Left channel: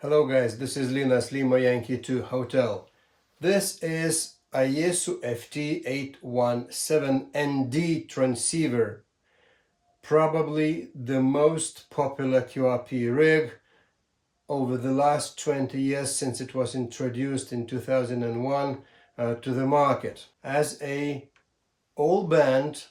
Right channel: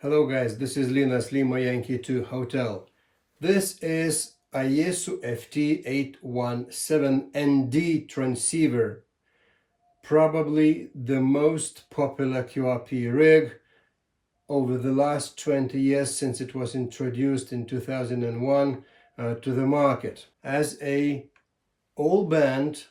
Hello guys, this is Linas Lima Yankee 2 Hotel. This is Yaesu FT-817ND transceiver, probably the most popular QRP rig over the last 20 years since it was introduced in 2001 to the market as a all-band,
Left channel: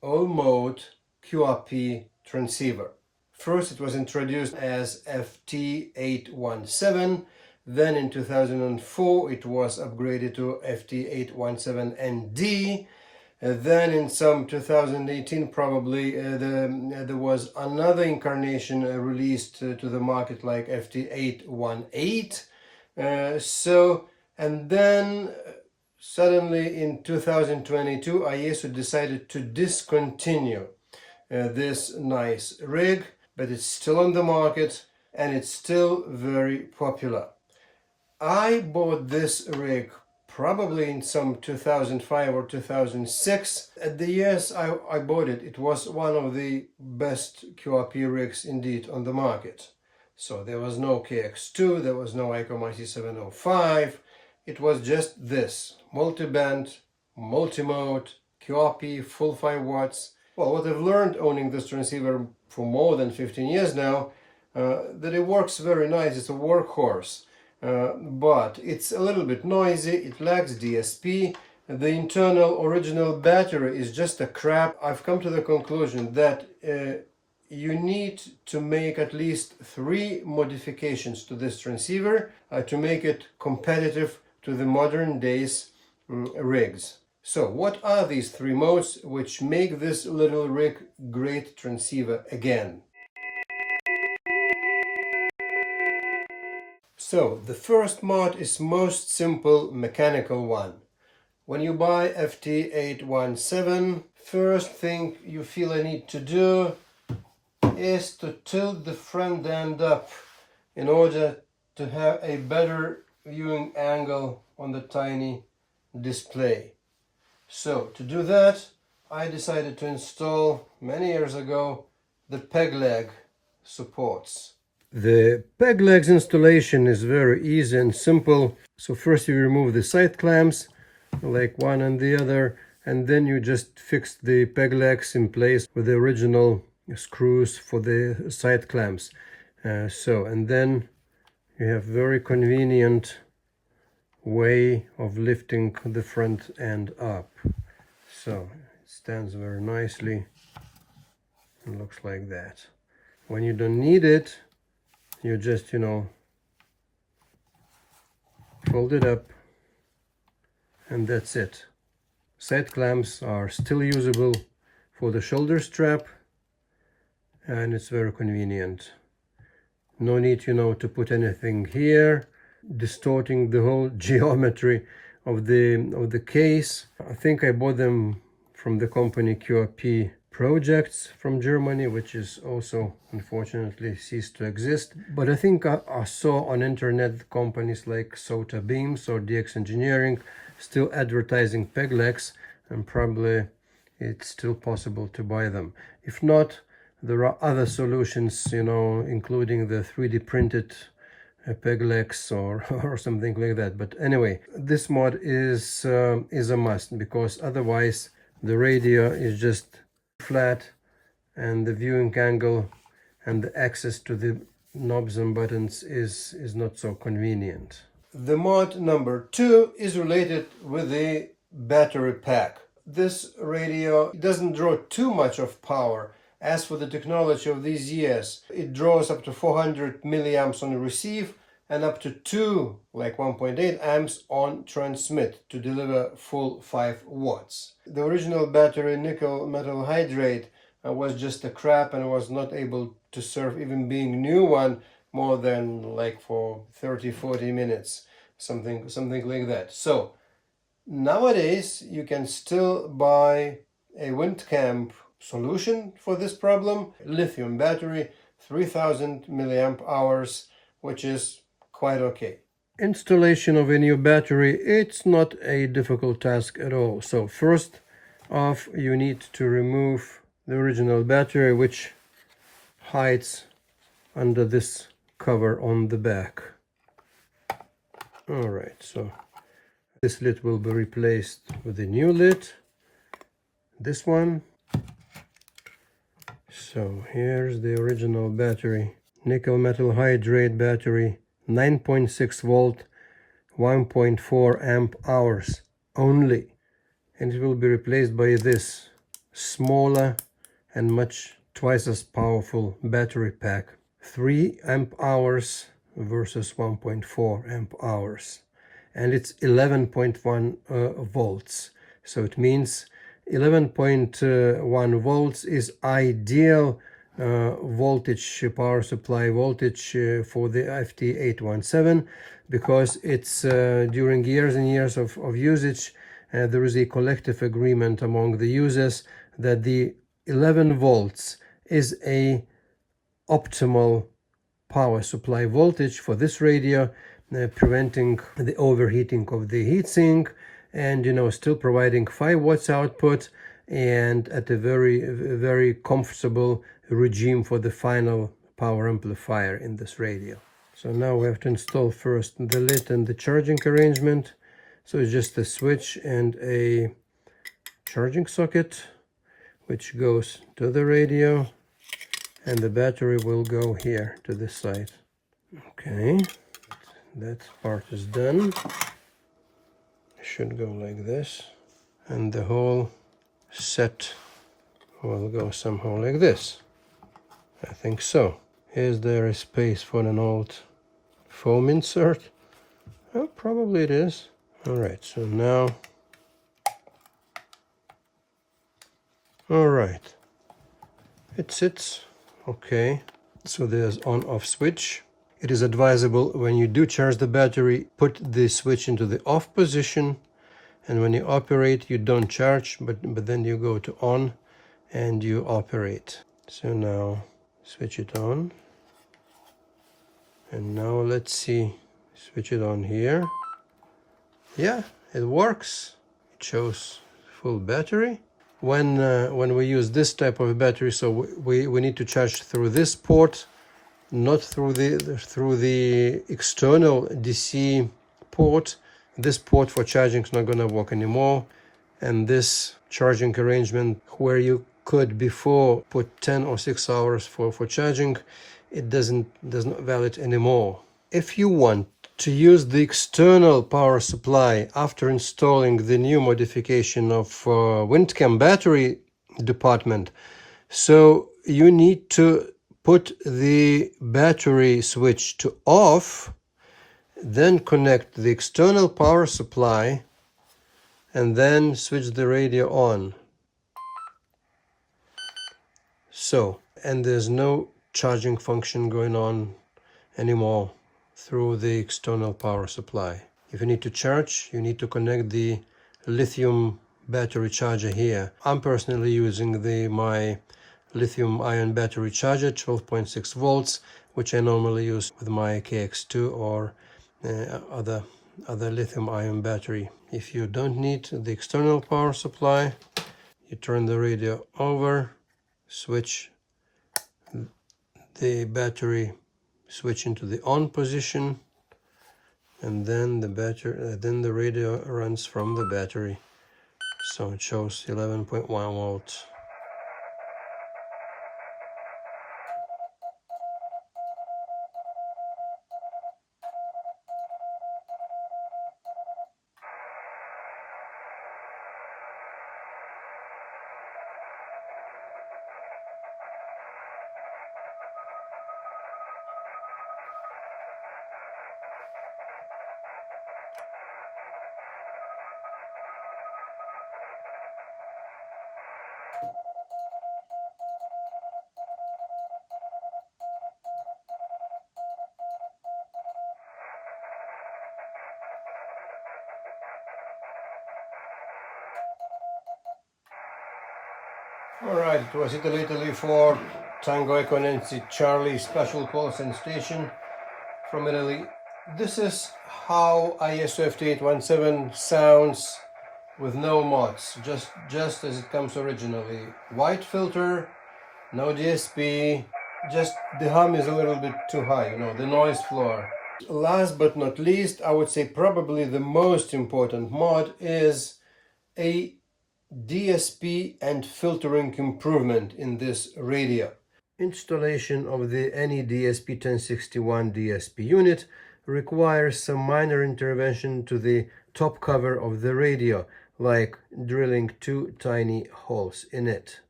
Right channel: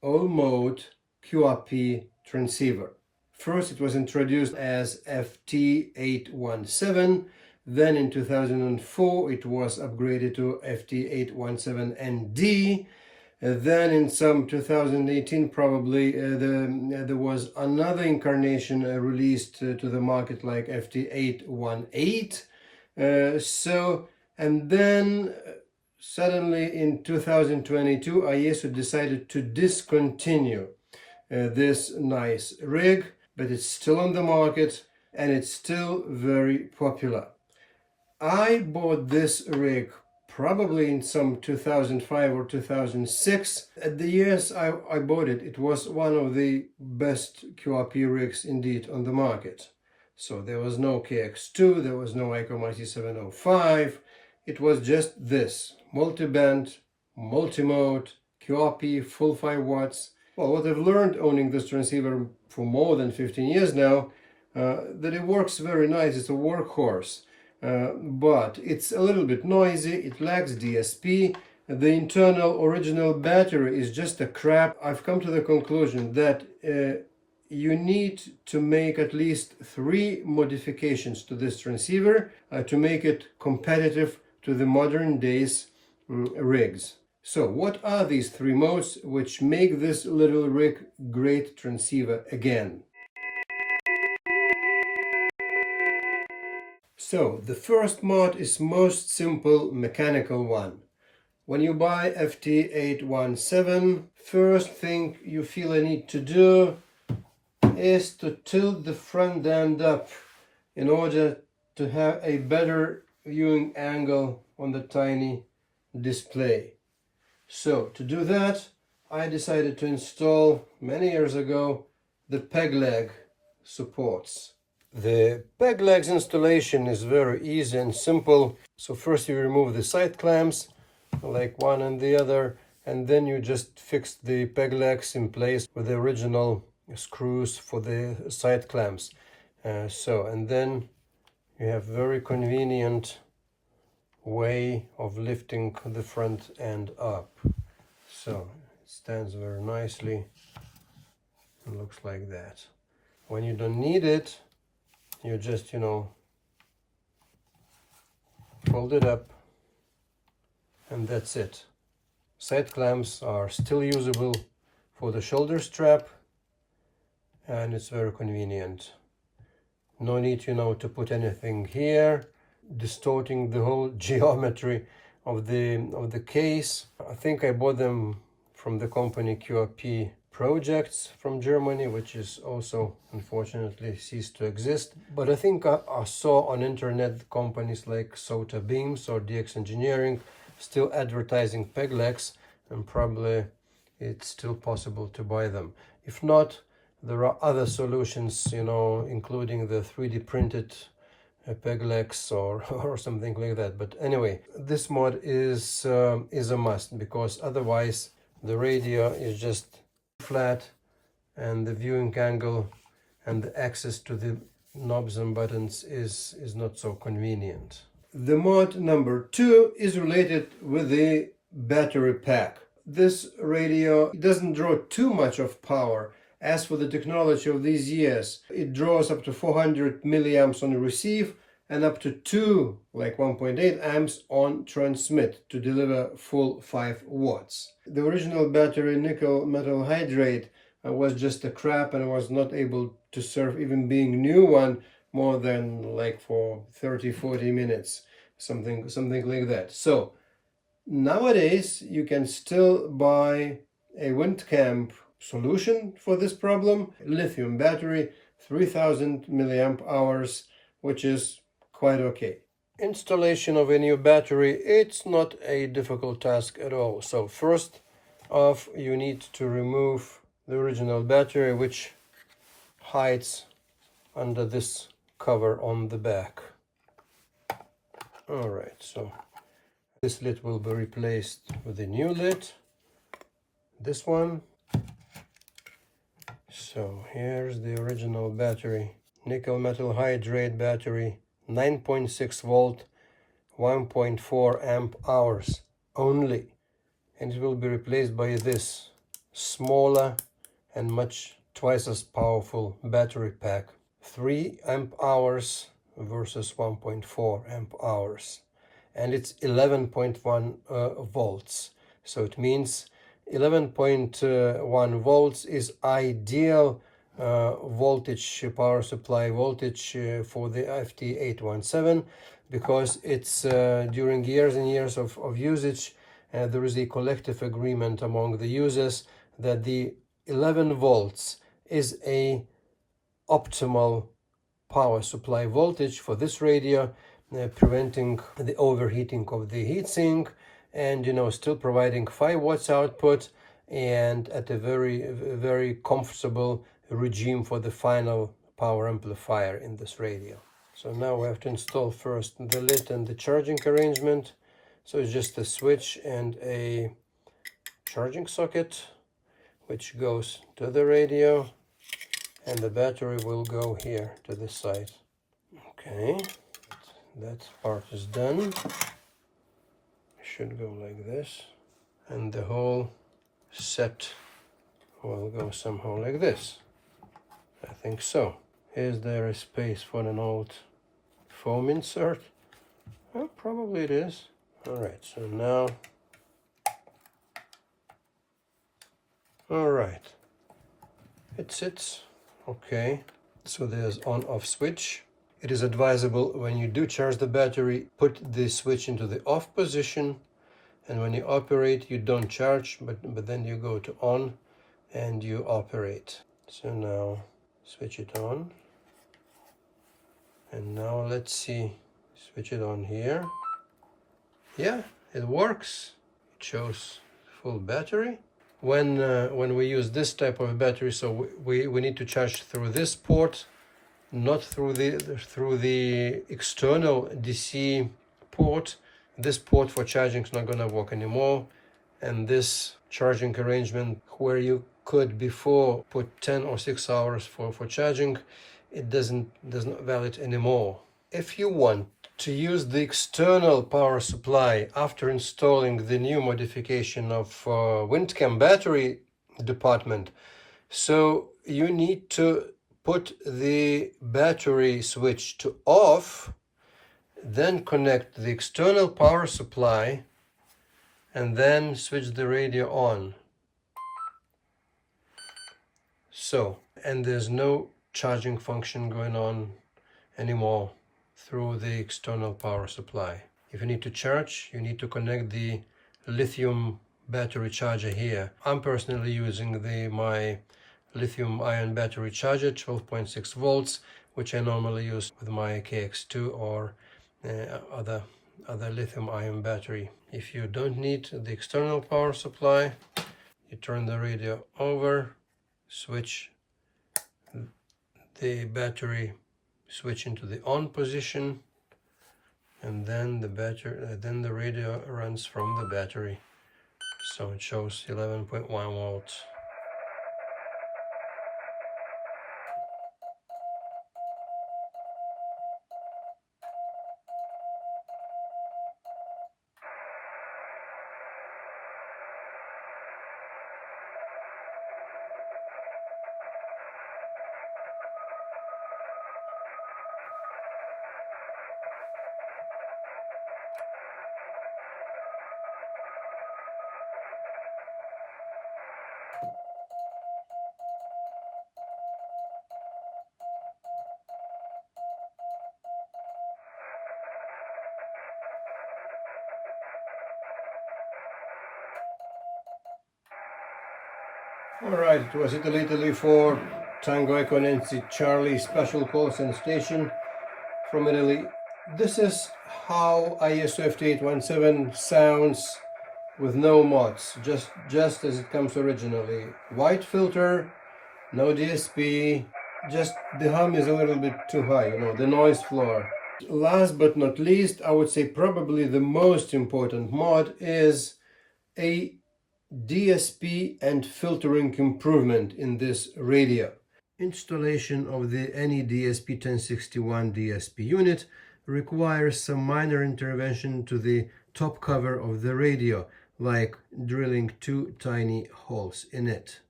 all-mode QRP transceiver. First, it was introduced as FT-817. Then in 2004, it was upgraded to FT-817ND. Then in some 2018, probably, there was another incarnation released to the market like FT-818. And then suddenly in 2022, Yaesu decided to discontinue this nice rig, but it's still on the market and it's still very popular. I bought this rig probably in some 2005 or 2006. At the years I bought it, it was one of the best QRP rigs indeed on the market. So there was no KX2, there was no Ergonomics 705. It was just this multi-band, multi-mode, QRP, full 5 watts. Well, what I've learned owning this transceiver for more than 15 years now, that it works very nice. It's a workhorse, but it's a little bit noisy. It lacks DSP. The internal original battery is just a crap. I've come to the conclusion that you need to make at least 3 modifications to this transceiver to make it competitive to the modern days rigs. So what are these 3 modes which make this little rig great transceiver again? So the first mode is most simple mechanical one. When you buy FT-817, first thing you feel a need to do is to tilt the front end up in order to have a better viewing angle on the tiny display. So to do that, I decided to install many years ago the peg leg supports. The peg legs installation is very easy and simple. So first you remove the side clamps, like one and the other, and then you just fix the peg legs in place with the original screws for the side clamps. And then you have very convenient way of lifting the front end up. So it stands very nicely. It looks like that. When you don't need it, you just, fold it up, and that's it. Side clamps are still usable for the shoulder strap, and it's very convenient. No need, to put anything here, distorting the whole geometry of the case. I think I bought them from the company QRP Projects from Germany, which is also unfortunately ceased to exist. But I think I saw on internet companies like Sota Beams or DX Engineering still advertising peg legs, and probably it's still possible to buy them. If not, there are other solutions, including the 3D printed peg legs or something like that. But anyway, this mod is a must, because otherwise the radio is just flat and the viewing angle and the access to the knobs and buttons is not so convenient. The mod number 2 is related with the battery pack. This radio doesn't draw too much of power. As for the technology of these years, it draws up to 400 milliamps on receive and up to 2, like 1.8 amps on transmit to deliver full 5 watts. The original battery nickel metal hydrate was just a crap and was not able to serve, even being new one, more than like for 30-40 minutes, something like that. So nowadays you can still buy a WindCamp solution for this problem, lithium battery, 3000 milliamp hours, which is quite okay. Installation of a new battery, it's not a difficult task at all. So first off, you need to remove the original battery, which hides under this cover on the back. All right, so this lid will be replaced with a new lid, this one. So here's the original battery, nickel metal hydrate battery, 9.6 volt, 1.4 amp hours only, and it will be replaced by this smaller and much twice as powerful battery pack, 3 amp hours versus 1.4 amp hours, and it's 11.1 volts. So it means 11.1 volts is ideal voltage, power supply voltage for the FT-817, because it's during years and years of usage, there is a collective agreement among the users that the 11 volts is a optimal power supply voltage for this radio, preventing the overheating of the heatsink, and still providing 5 watts output, and at a very comfortable regime for the final power amplifier in this radio. So now we have to install first the lid and the charging arrangement. So it's just a switch and a charging socket, which goes to the radio, and the battery will go here to this side. Okay, that part is done. Should go like this, and the whole set will go somehow like this. I think so. Is there a space for an old foam insert? Oh, probably it is. All right, so now, all right, it sits. Okay, so there's on-off switch. It is advisable when you do charge the battery, put the switch into the off position, and when you operate, you don't charge, but then you go to on and you operate. So now switch it on, and now let's see, switch it on here. Yeah, it works. It shows full battery. When we use this type of battery, so we need to charge through this port, not through the external DC port. This port for charging is not going to work anymore, and this charging arrangement where you could before put 10 or 6 hours for charging, it does not valid anymore. If you want to use the external power supply after installing the new modification of WindCam battery department, so you need to put the battery switch to off, then connect the external power supply, and then switch the radio on. So, and there's no charging function going on anymore through the external power supply. If you need to charge, you need to connect the lithium battery charger here. I'm personally using my lithium ion battery charger, 12.6 volts, which I normally use with my KX2 or other lithium ion battery. If you don't need the external power supply, you turn the radio over, switch the battery switch into the on position, and then the radio runs from the battery. So it shows 11.1 volts. Alright, it was Italy 4, Tango Echo Nancy Charlie special call and station from Italy. This is how ISO FT-817 sounds with no mods, just as it comes originally. White filter, no DSP, just the hum is a little bit too high, you know, the noise floor. Last but not least, I would say probably the most important mod is a DSP and filtering improvement in this radio. Installation of the any DSP 1061 DSP unit requires some minor intervention to the top cover of the radio, like drilling two tiny holes in it.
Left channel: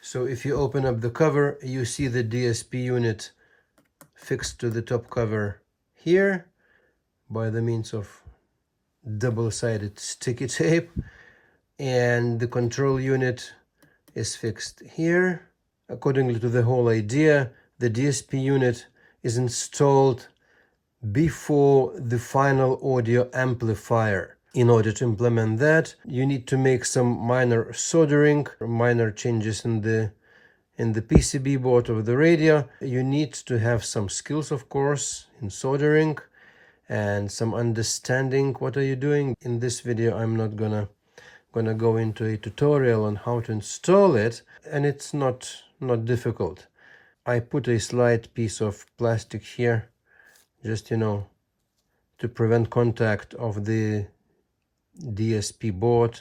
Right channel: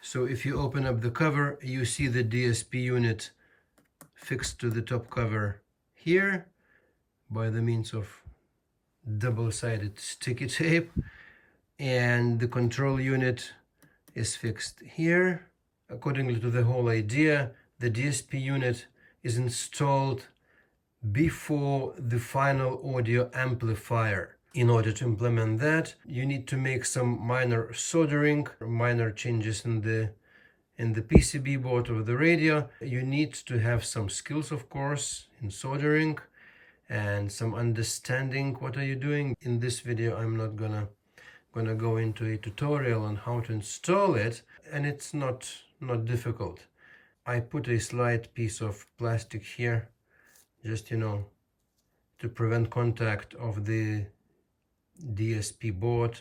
So if you open up the cover, you see the DSP unit fixed to the top cover here by the means of double-sided sticky tape, and the control unit is fixed here. According to the whole idea, the DSP unit is installed before the final audio amplifier. In order to implement that, you need to make some minor soldering, minor changes in the PCB board of the radio. You need to have some skills, of course, in soldering and some understanding what are you doing. In this video, I'm not gonna go into a tutorial on how to install it, and it's not difficult. I put a slight piece of plastic here, just, you know, to prevent contact of the DSP board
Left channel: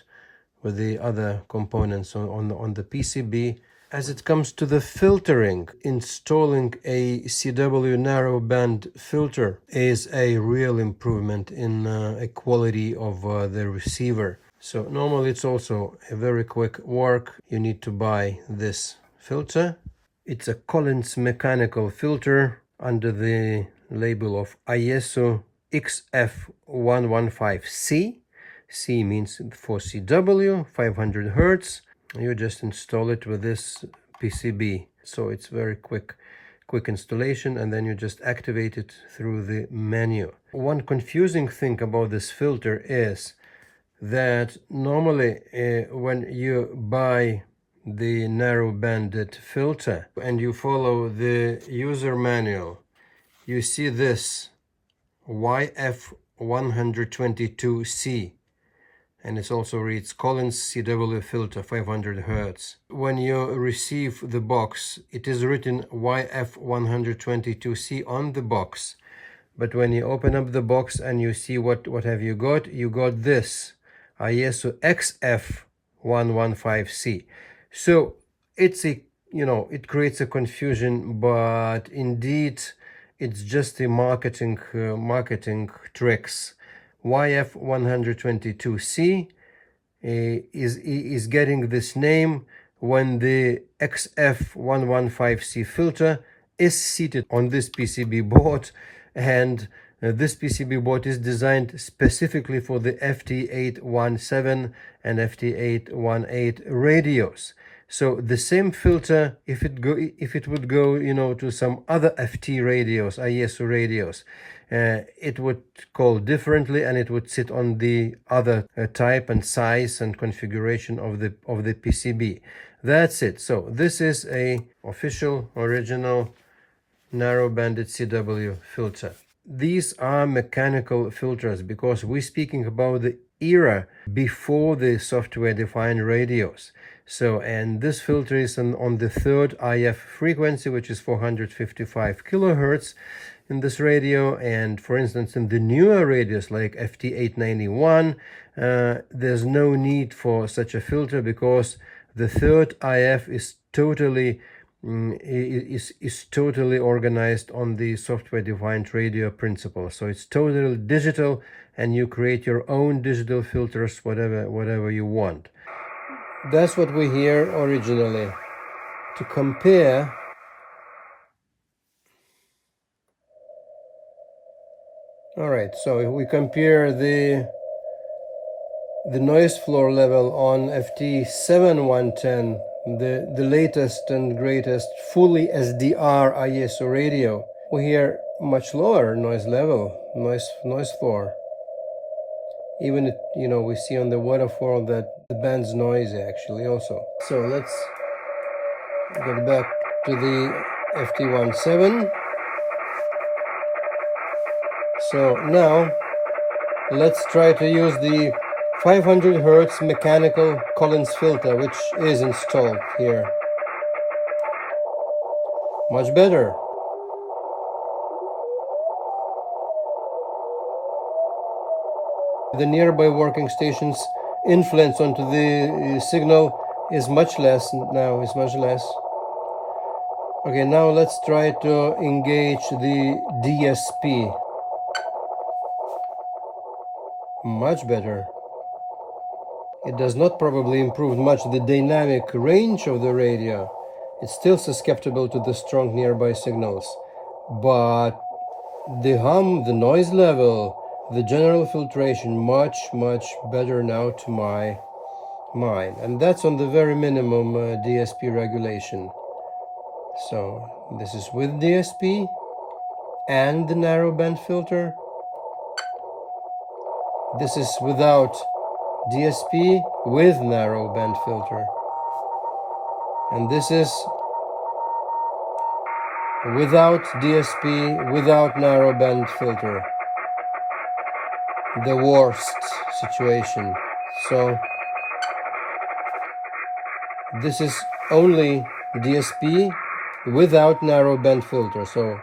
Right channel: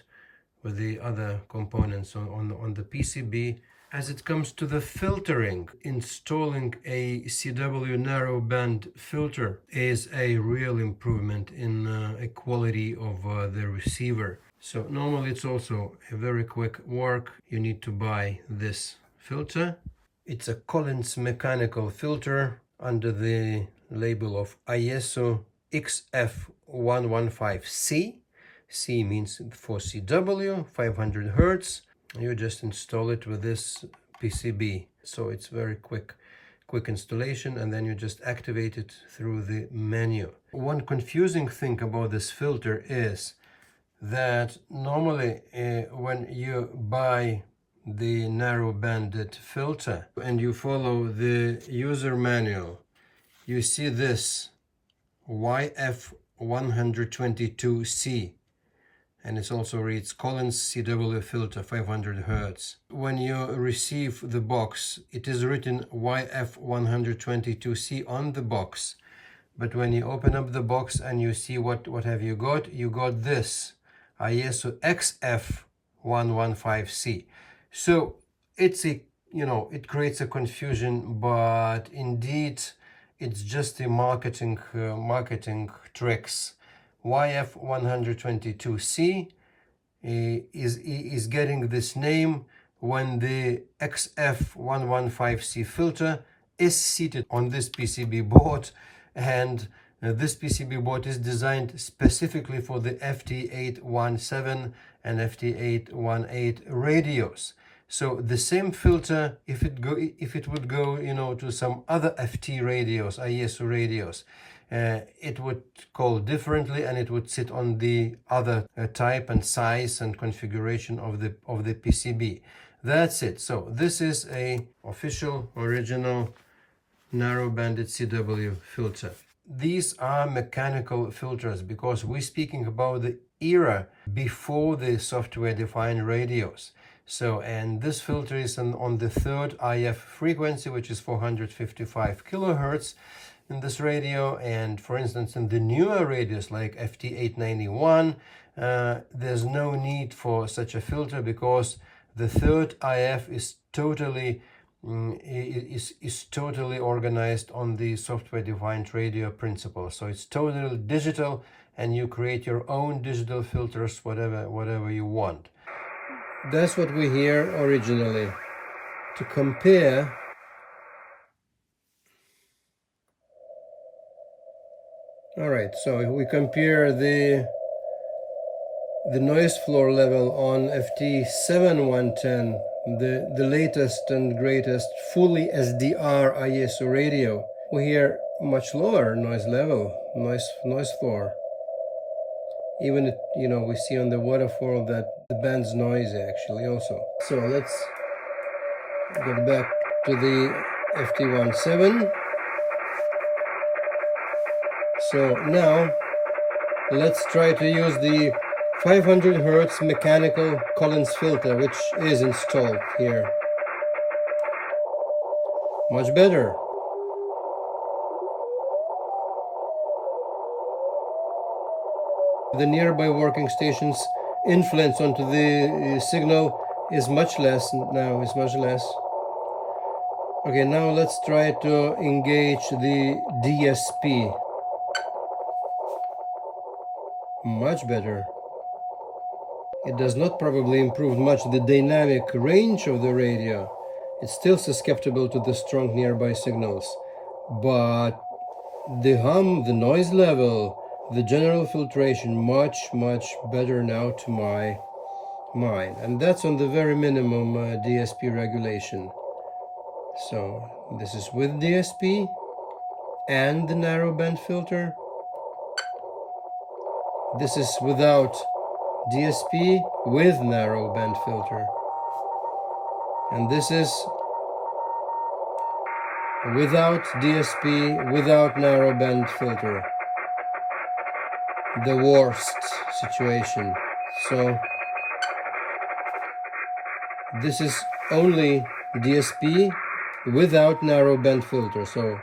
with the other components on the PCB. As it comes to the filtering, installing a CW narrowband filter is a real improvement in a quality of the receiver. So normally it's also a very quick work. You need to buy this filter. It's a Collins mechanical filter under the label of ISO XF115C. C means for CW, 500 Hertz. You just install it with this PCB. So it's very quick installation, and then you just activate it through the menu. One confusing thing about this filter is that normally when you buy the narrow banded filter and you follow the user manual, you see this YF122C, and it also reads Collins CW filter 500 Hertz. When you receive the box, it is written YF122C on the box, but when you open up the box and you see what have you got this ISO XF115C. So it's a, you know, it creates a confusion, but indeed it's just a marketing tricks. YF122C is getting this name when the XF115C filter is seated on this PCB board, and this PCB board is designed specifically for the FT-817 and FT-818 radios. So the same filter, if it would go, you know, to some other FT radios, ISO radios, it would call differently, and it would sit on the other type and size and configuration of the PCB. That's it. So this is a official original narrow-banded CW filter. These are mechanical filters because we're speaking about the era before the software-defined radios. So, and this filter is on the third IF frequency, which is 455 kilohertz in this radio. And for instance, in the newer radios like FT-891, there's no need for such a filter because the third IF is totally organized on the software-defined radio principle. So it's totally digital, and you create your own digital filters, whatever you want. That's what we hear originally. To compare, all right, so if we compare the noise floor level on FT-717, the latest and greatest fully SDR ISO radio, we hear much lower noise level, noise floor. Even, you know, we see on the waterfall that the band's noisy actually also. So let's get back to the FT-17. So now let's try to use the 500 Hertz mechanical Collins filter, which is installed here. Much better. The nearby working station's influence onto the signal is much less now, is much less. Okay, now let's try to engage the DSP. Much better. It does not probably improve much the dynamic range of the radio. It's still susceptible to the strong nearby signals. But the hum, the noise level, the general filtration, much better now to my mind. And that's on the very minimum DSP regulation. So this is with DSP and the narrowband filter. This is without DSP with narrowband filter. And this is without DSP, without narrowband filter. The worst situation. So this is only DSP without narrowband filter. So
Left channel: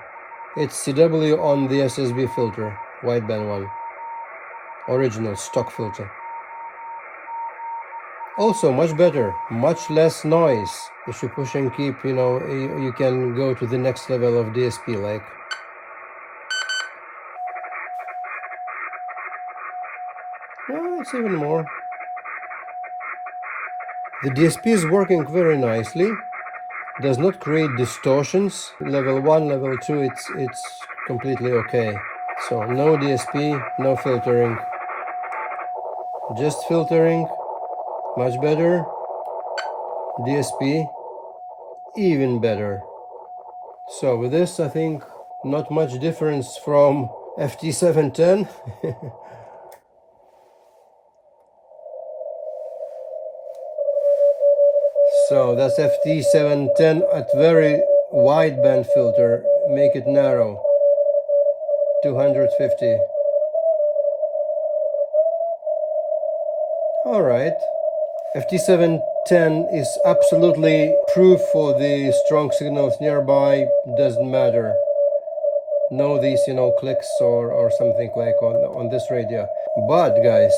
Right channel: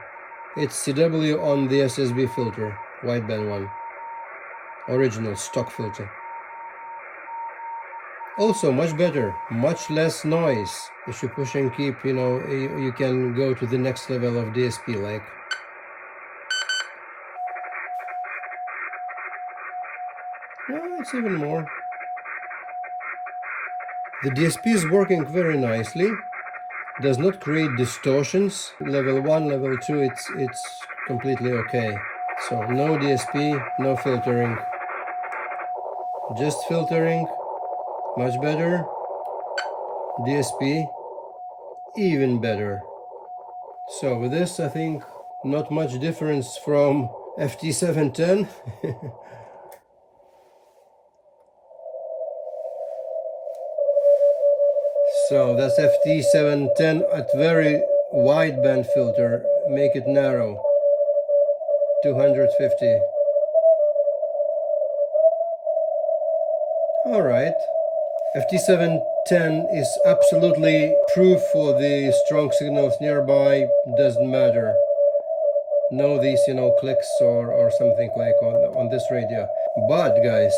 it's CW on the SSB filter, wideband one. Original stock filter. Also much better, much less noise. If you push and keep, you can go to the next level of DSP, like. No, it's even more. The DSP is working very nicely. Does not create distortions. Level 1, level 2, it's completely okay. So no DSP, no filtering. Just filtering. Much better. DSP, even better. So with this, I think not much difference from FT-710. So that's FT-710 at very wide band filter. Make it narrow. 250. All right. FT-710 is absolutely proof for the strong signals nearby. Doesn't matter. No these, clicks or something like on this radio. But guys,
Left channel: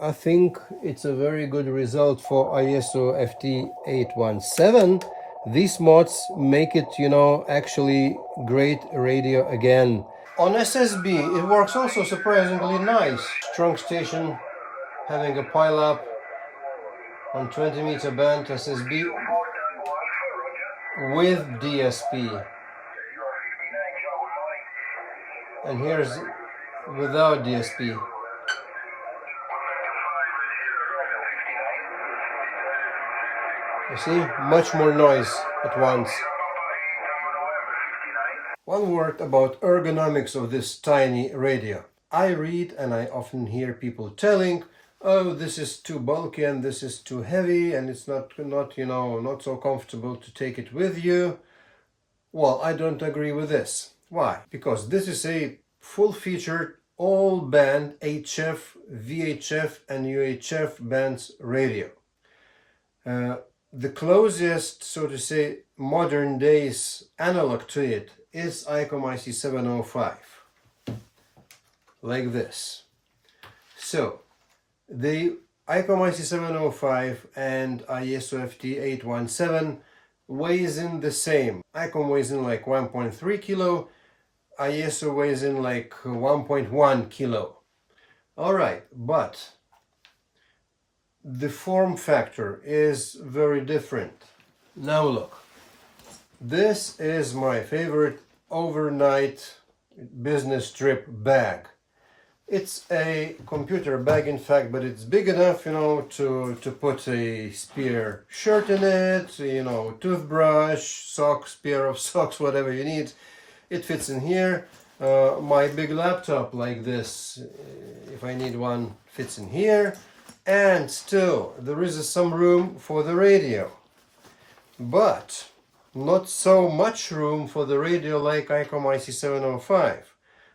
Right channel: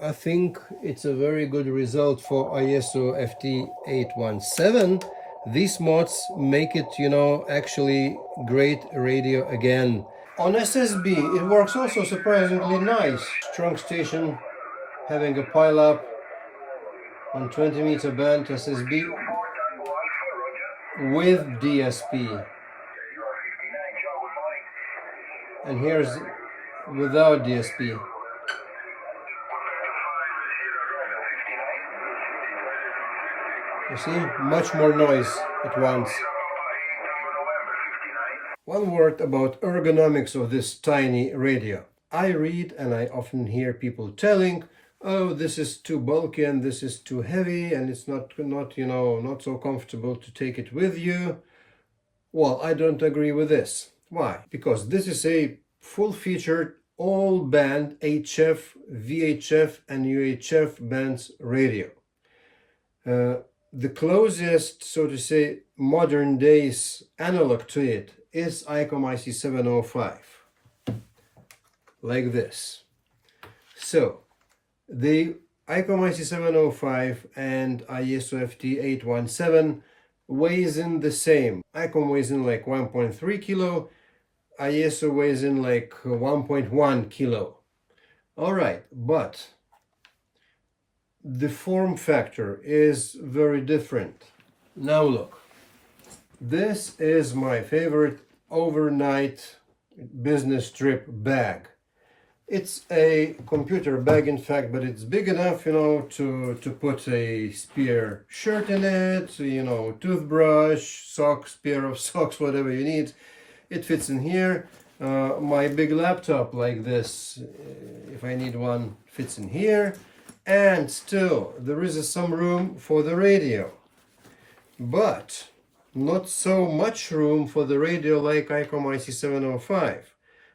I think it's a very good result for ISO FT-817. These mods make it, actually great radio again. On SSB, it works also surprisingly nice. Strong station having a pile-up on 20-meter band SSB with DSP. And here's without DSP. You see, much more noise at once. One word about ergonomics of this tiny radio. I read and I often hear people telling, oh, this is too bulky and this is too heavy and it's not so comfortable to take it with you. Well, I don't agree with this. Why? Because this is a full-featured all-band HF, VHF and UHF bands radio. The closest, so to say, modern days analog to it is ICOM IC705, like this. So the ICOM IC705 and ISO FT-817 weighs in the same. ICOM weighs in like 1.3 kilo, ISO weighs in like 1.1 kilo. All right, but the form factor is very different. Now look, this is my favorite overnight business trip bag. It's a computer bag, in fact, but it's big enough, to put a spare shirt in it, toothbrush, socks, pair of socks, whatever you need. It fits in here. My big laptop like this, if I need one, fits in here. And still, there is some room for the radio. But not so much room for the radio like ICOM IC705.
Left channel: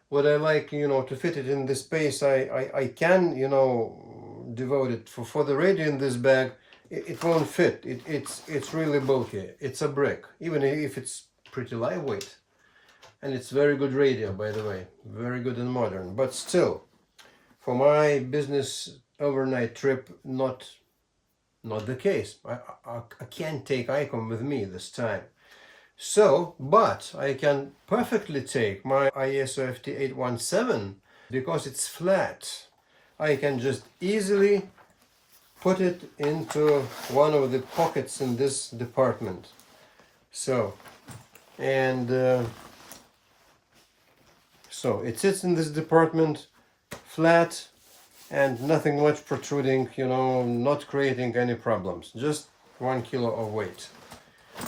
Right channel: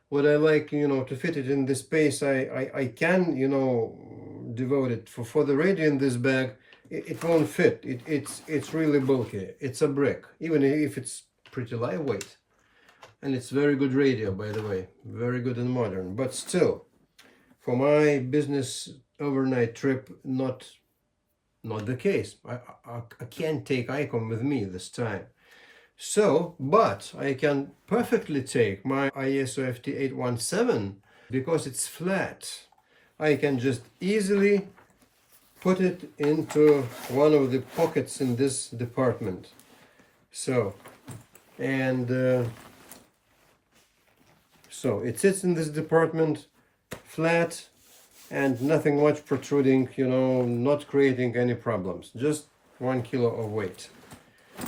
What I like, to fit it in this space, I can, devote it for the radio in this bag. It won't fit. It's really bulky. It's a brick. Even if it's pretty lightweight. And it's very good radio, by the way, very good and modern. But still, for my business overnight trip, not the case. I can't take ICOM with me this time. So, but I can perfectly take my ISO FT-817 because it's flat. I can just easily put it into one of the pockets in this department. So, and so it sits in this department flat and nothing much protruding, you know, not creating any problems, just 1 kilo of weight.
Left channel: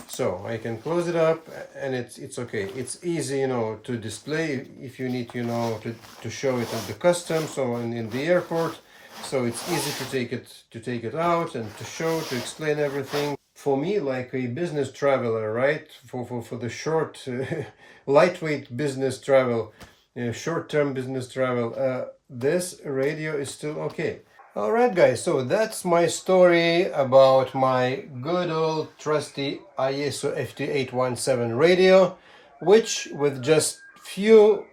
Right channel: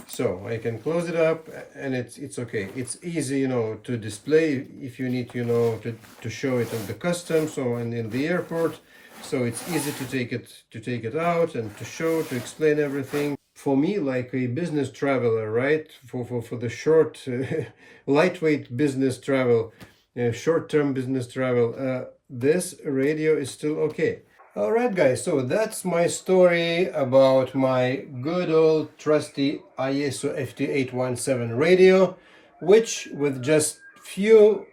So I can close it up and it's okay. It's easy, you know, to display if you need, you know, to show it at the customs or in the airport. So it's easy to take it out and to show, to explain everything. For me, like a business traveler, right? For the short, lightweight business travel, short-term business travel, this radio is still okay. Alright guys, so that's my story about my good old trusty ISO FT-817 radio, which with just few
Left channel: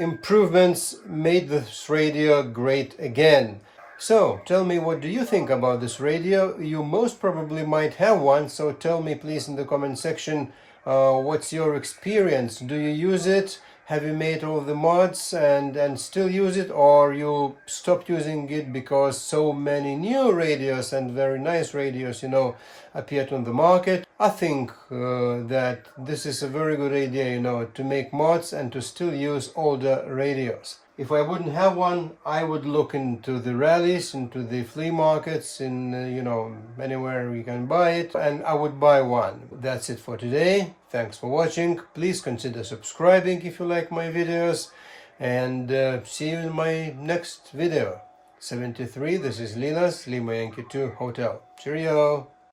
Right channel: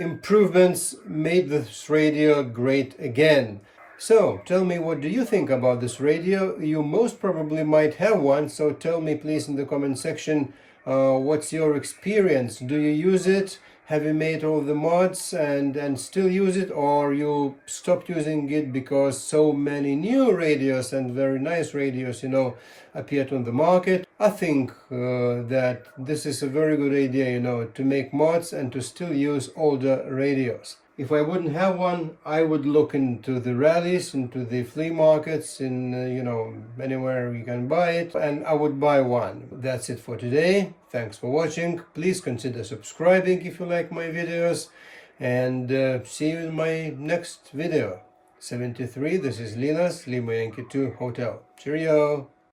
improvements made this radio great again. So tell me, what do you think about this radio? You most probably might have one, so tell me please in the comment section what's your experience. Do you use it? Have you made all the mods and still use it, or you stopped using it because so many new radios and very nice radios, you know, appeared on the market? I think that this is a very good idea, you know, to make mods and to still use older radios. If I wouldn't have one, I would look into the rallies, into the flea markets, in you know, anywhere you can buy it, and I would buy one. That's it for today. Thanks for watching. Please consider subscribing if you like my videos, and see you in my next video. 73, this is Linas, Lima Yankee 2 Hotel. Cheerio!